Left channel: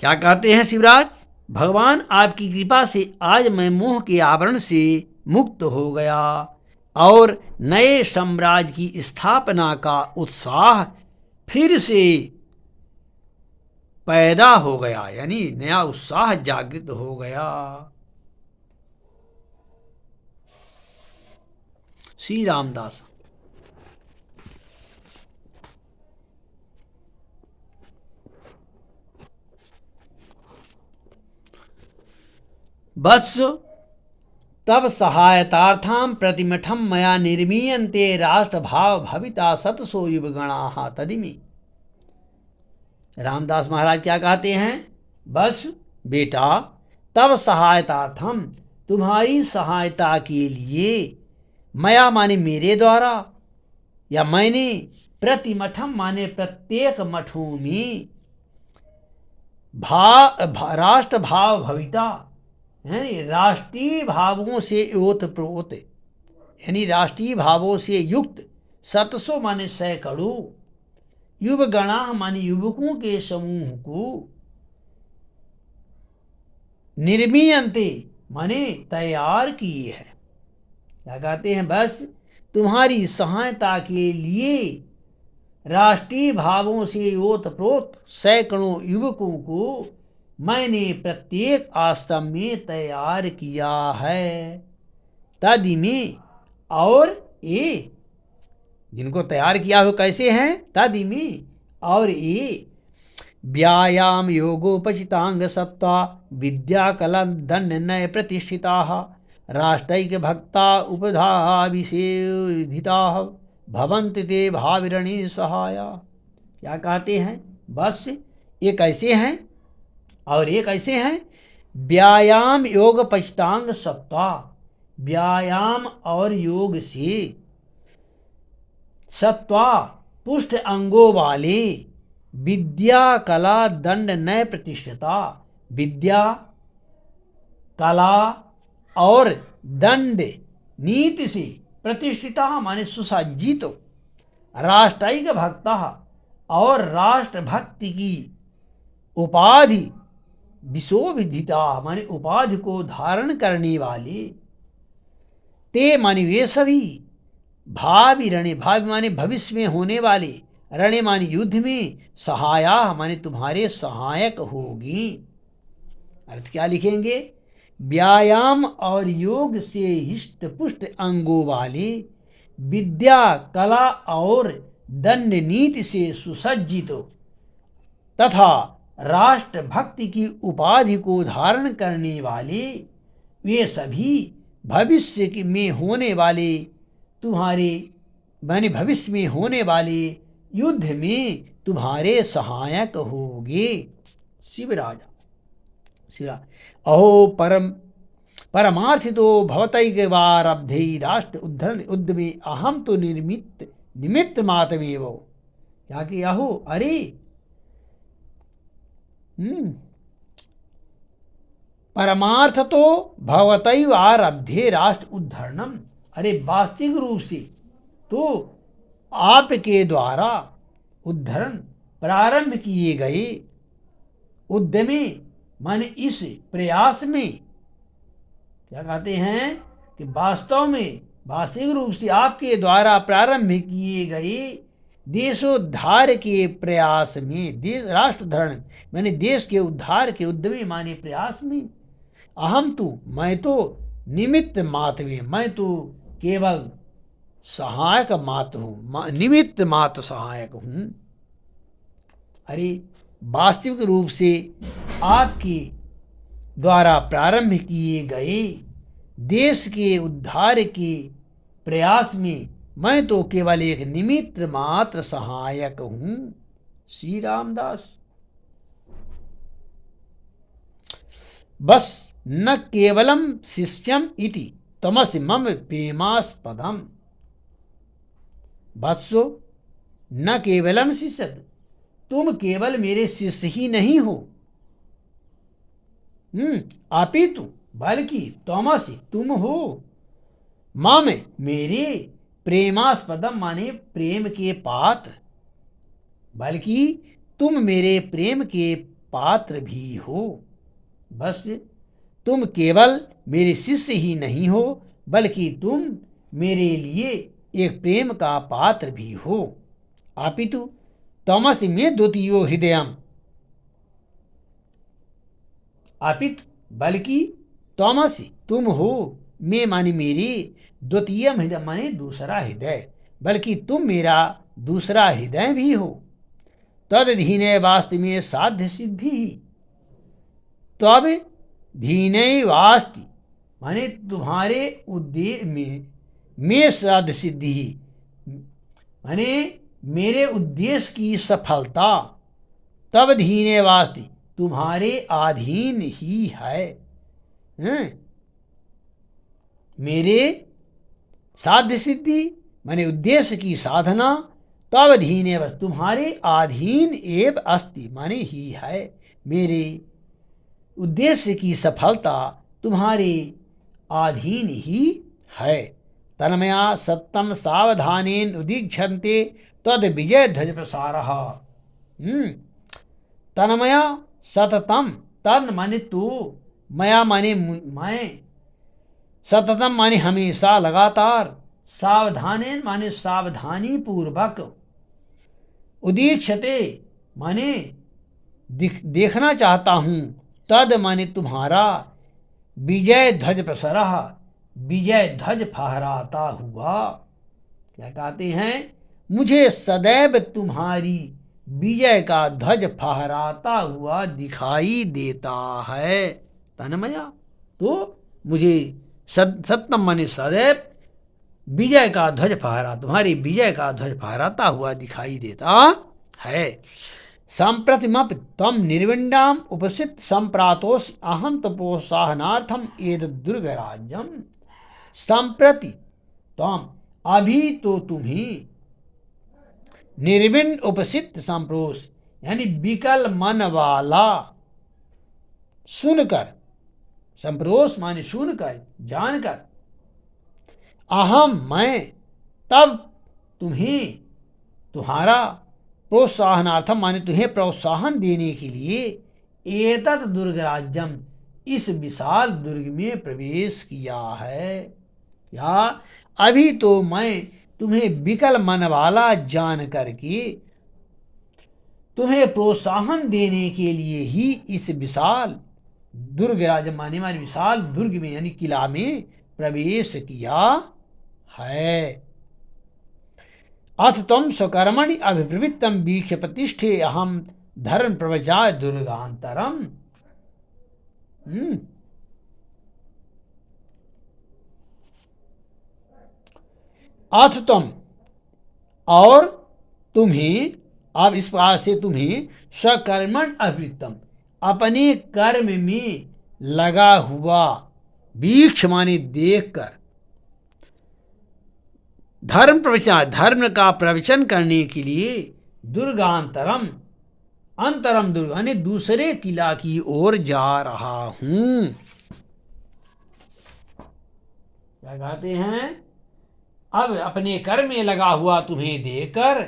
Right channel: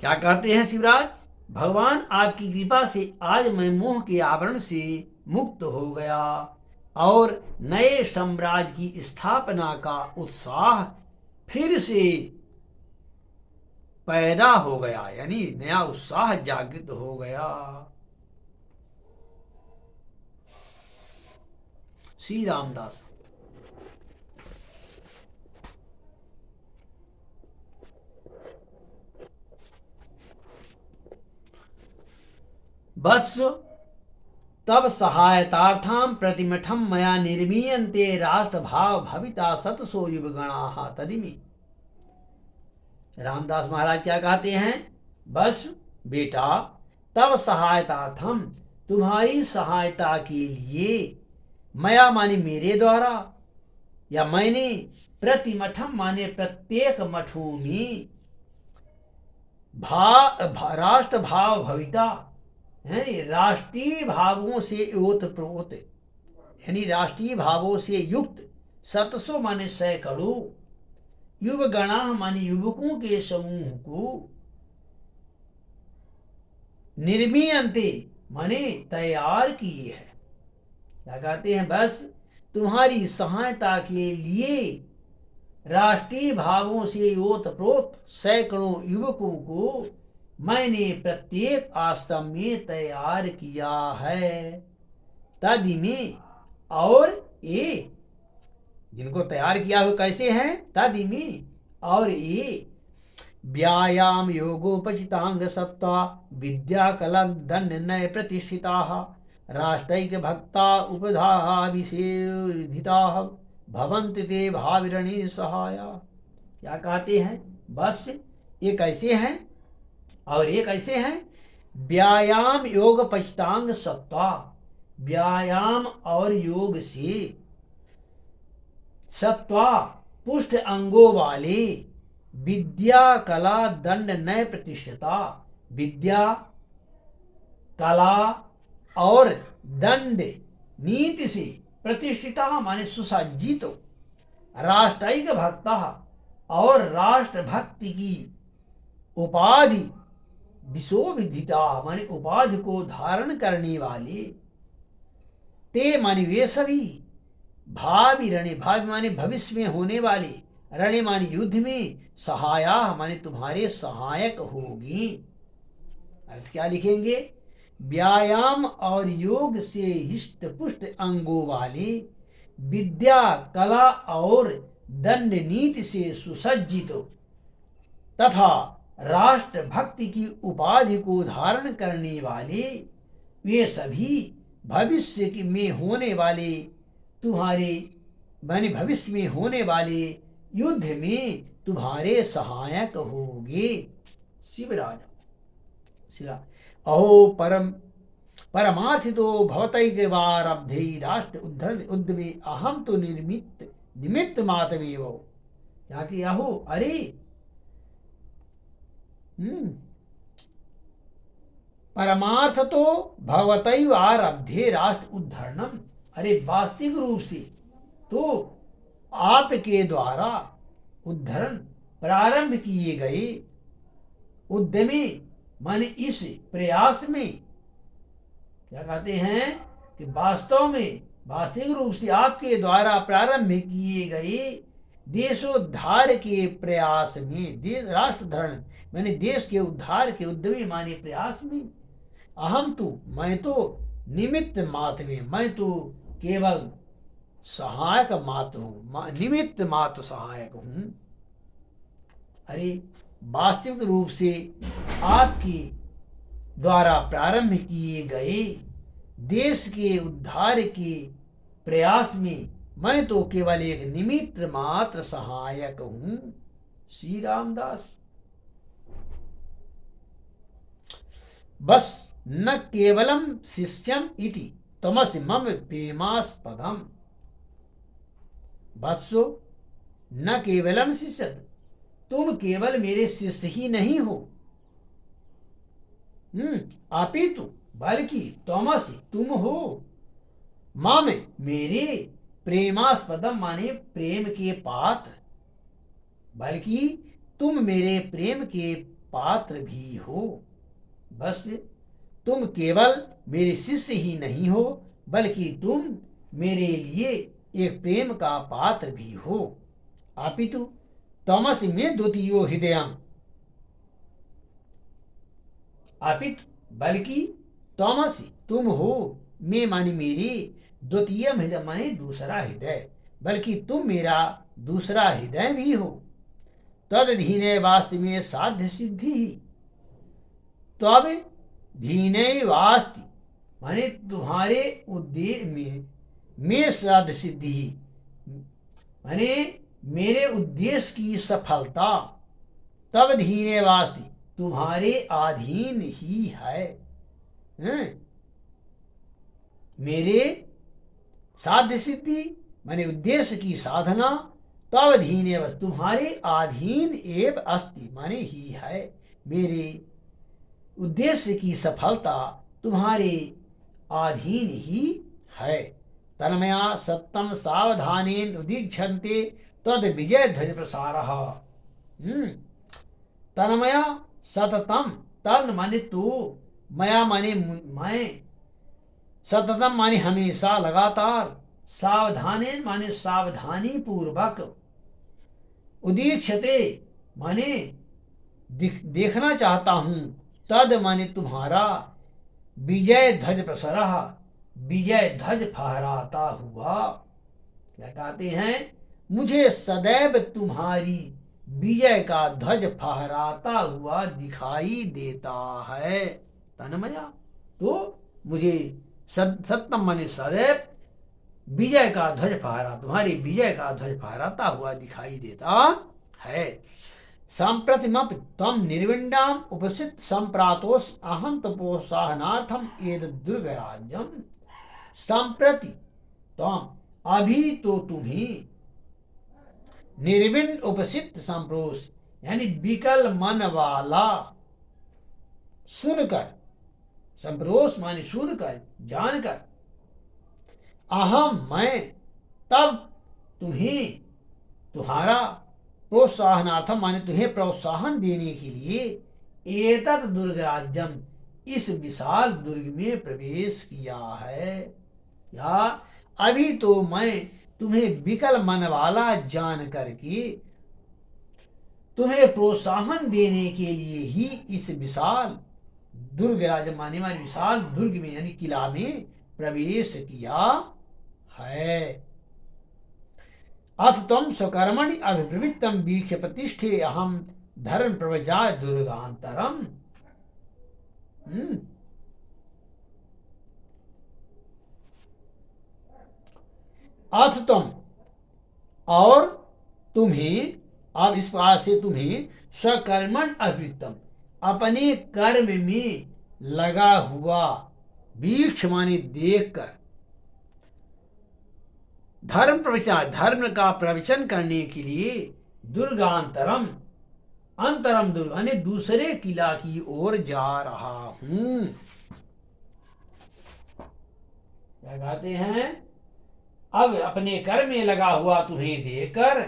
क्या कहते हैं शिवराज? भगवान आपकी कृपा से आज मैं मोह के आवरण से मुक्त हो गया और नए साम्राज्य की स्थापना का उत्साह फिर से पैदा हो गया, यानी नया उत्साह जागृत हो गया। श्री रामदास। वत्स तब सहायतार्थं प्रतिमठम मया निर्मीयन्ते राष्ट्रभाव भविता सतसो युवगणाः तदिमि। रामदास महाराज क्या कहते हैं? बस बेटा, तब सहायतार्थम, तुम्हारी सहायता के लिए, मया माने मेरे द्वारा, या मैंने, प्रतिमठम माने प्रत्येक मठों में, राष्ट्र भाव भविता, यानी राष्ट्रीय भावों से ओत प्रोत, यानी राष्ट्रीय भावों से युक्त, सतसो माने सैकड़ों, युवगणा माने युवकों के समूह को, निर्मीयन्ते माने तैयार किए है। क्या कहते हैं? बस तुम्हारी सहायता के लिए राष्ट्रीय भावों से ओतप्रोत सैकड़ों युवकों को मैंने प्रत्येक आश्रम में तैयार किया है। तदि में, और ये जिनको तैयार किया हो कैसे हैं? तदि में, और ये व्यायाम योगोपचितांग सत्ता विद्या कला दंड नय प्रतिष्ठिता राष्ट्रैक भक्ता उपधाभिषेधिता भवन्ति ते भाविरणी सहाया। क्या कहते हैं? बस ये कैसे हैं और ये कैसे हैं? व्यायाम योग पचितांग सत्ता, व्यायाम और योग से सत्वा पुष्ट अंगों वाले, विद्या कला दंड नय प्रतिष्ठिता, विद्या कला और दंड नीति से प्रतिष्ठिता माने सुसज्जित, राष्ट्रैक भक्ता और राष्ट्र भक्ति की उपाधि, विशोभिधिता माने उपाधि को धारण करने वाले, ते माने वे सभी, भावी रणे, भावी माने भविष्य में होने वाले, रणे माने युद्ध में, सहाया माने तुम्हारे सहायक होगी। अर्थ क्या लिखेंगे? व्यायाम और योग से हिष्ट पुष्ट अंगों वाले, विद्या कला और दंड नीति से सुसज्जित तथा राष्ट्र भक्ति की उपाधि को धारण करने वाले, वे सभी भविष्य में होने वाले तुम्हारे, माने भविष्य में होने वाले युद्ध में तुम्हारे सहायक होंगे। शिवराज। अहो परमार्थितो भवतैकवारब्धे राष्ट्र उद्धरण उद्यमे अहम तो निमित्त मातवेव। क्या कि अहो, अरे परमार्थ तो भवतैव आरब्धे राष्ट्र उद्धरणम, अरे वास्तविक रूप से तो आपके द्वारा उद्धरण प्रारंभ किए गए, उद्यमे माने इस प्रयास में, क्या कहते हैं कि वास्तव में वास्तविक रूप से आपके द्वारा प्रारंभ किए गए देशोद्धार के प्रयास में, राष्ट्र उद्धरण माने देश के उद्धार के उद्यमी माने प्रयास में, अहम तो मैं तो निमित्त मात्र, मैं तो केवल सहायक मात्र हूँ, निमित्त मात्र सहायक हूँ। अरे वास्तविक रूप से आपके द्वारा प्रारंभ किए गए देश के उद्धार के प्रयास में मैं तो केवल एक निमित्त मात्र सहायक हूं। श्री रामदास। बस न केवलम शिष्यम इति तमसि मम प्रेमास्पदम। वत्सो न केवलम शिष्य, तुम केवल मेरे शिष्य ही नहीं हो, अपितु बल्कि तमसि तुम हो, मम मेरे, प्रेमास्पदम माने प्रेम के पात्र, बल्कि तुम मेरे प्रेम के पात्र भी हो। बस तुम केवल मेरे शिष्य ही नहीं हो, बल्कि तुम मेरे लिए एक प्रेम का पात्र भी हो। अपितु त्वमसि मे द्वितीयो हृदयम्, अपितु बल्कि त्वमसि तुम हो, मे माने मेरे, द्वितीय हृदय माने दूसरा हृदय, बल्कि तुम मेरा दूसरा हृदय भी हो। तदधीने वास्ति में साध्य सिद्धि, तब धीने वास्ति माने तुम्हारे उद्देश्य में साध्य सिद्धि माने मेरे उद्देश्य की सफलता, तब धीने वास्ति तुम्हारे अधीन ही है। मेरे साध्य सिद्धि माने उद्देश्य की साधना, तब धीने वस्तु तुम्हारे अधीन एव अस्ति माने ही है। मेरे उद्देश्य की सफलता तुम्हारे अधीन ही है। तन्मया सत्यम सावधानेन उदीक्षन्ते तद विजय ध्वज प्रसारः। तन्मया सततम, तन माने तू, मया माने मैं, सततम माने हमेशा लगातार, सावधानेन माने सावधानी पूर्वक, उदीक्षते माने देखना चाहता हूं, तद माने तुम्हारा, विजय ध्वज प्रसरः विजय ध्वज फहराता हुआ। क्या कहते हैं? मुझे सदैव तुम्हारी विजय का ध्वज फहराता हुआ दिखाई देता है। तन्मया तो मुझे सत्यम माने सदैव विजय का ध्वज फहरा, तुम्हारी विजय का ध्वज फहराता हुआ दिखाई देता है। संप्रतिमपि त्वं निर्विण्डाम उपसित संप्रातोस अहम तपोसाहनार्थम एद दुर्गराज्यम। संप्रति त्वं अभी तो तुम्हें, निर्विण्ण उपसित संप्रोस यानी विकल मन वाला, सुनकर, संप्रोस माने सुनकर जानकर, अहम मैं, तब तुम्हें तुम्हारा, प्रोत्साहनार्थम माने तुम्हें प्रोत्साहन देने के लिए, एतत् दुर्गराज्यम इस विशाल दुर्ग में प्रवेश किया है। या अभी तो मैं तुम्हें विकल मन वाला जान करके तुम्हें प्रोत्साहन देने के लिए ही इस विशाल दुर्ग राज माने वाले विशाल दुर्ग में यानी किला में प्रवेश किया है। अथ तम स्वकर्मणि अभिप्रवृत्तम वीक्ष प्रतिष्ठे अहम धर्म प्रवचाय दुर्गांतरम। अथ तुम, और तुम्हें, अब इस बात से तुम्हें स्वकर्मण अभिवृत्तम अपने कर्म में लगा हुआ, वीक्ष माने देखकर, धर्म प्रवचन धर्म का प्रवचन करने के लिए, दुर्गांतरम अंतरम दुर्ग यानी दूसरे किला की ओर जा रहा हूं। क्या कहते हैं? अब अपने कर्म में लगा हुआ तुम्हें देखकर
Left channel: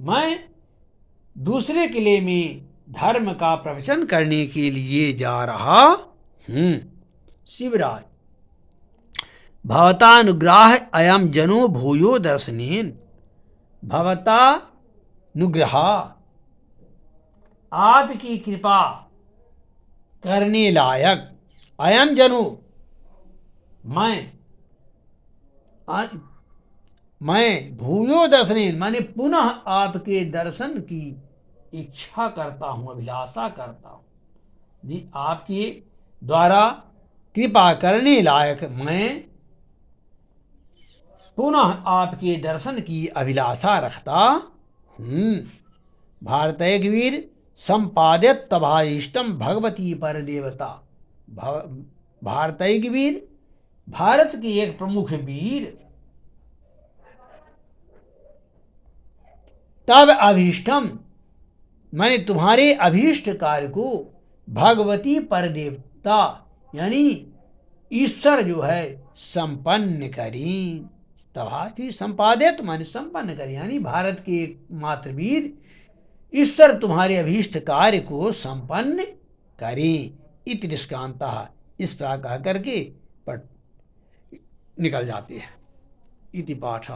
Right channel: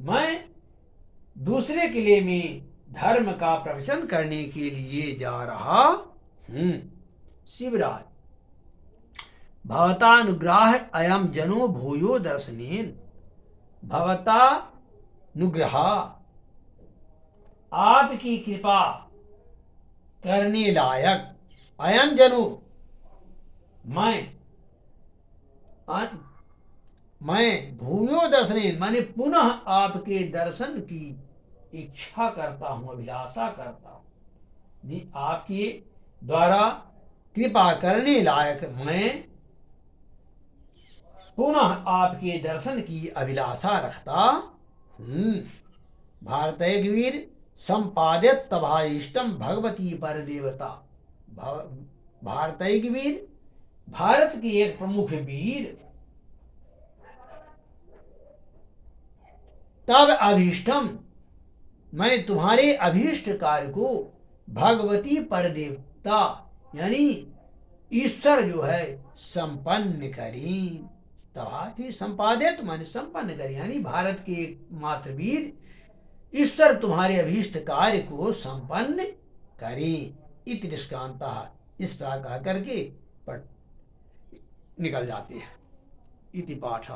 मैं दूसरे किले में धर्म का प्रवचन करने के लिए जा रहा हूं। शिवराज भवतानुग्रह अयम जनो भूयो दर्शनेन। भवतानुग्रह आपकी कृपा करने लायक, अयम जनो मैं भूयो दर्शनेन माने पुनः आपके दर्शन की इच्छा करता हूं, अभिलाषा करता हूं। आपके द्वारा कृपा करने लायक मैं पुनः आपके दर्शन की अभिलाषा रखता हूं। भारतैकवीर संपादित तभाइष्टम भगवती पर देवता। भारतैकवीर भारत के एक प्रमुख वीर, तब अभीष्टम मैंने तुम्हारे अभीष्ट कार्य को भगवती पर देवता यानी ईश्वर जो है संपन्न करें। तभी संपादित माने संपन्न करें यानी भारत के मात्र वीर ईश्वर तुम्हारे अभीष्ट कार्य को संपन्न करे। इति निष्कांता, इस प्रकार कह करके निकल जाती है। इति पाठ।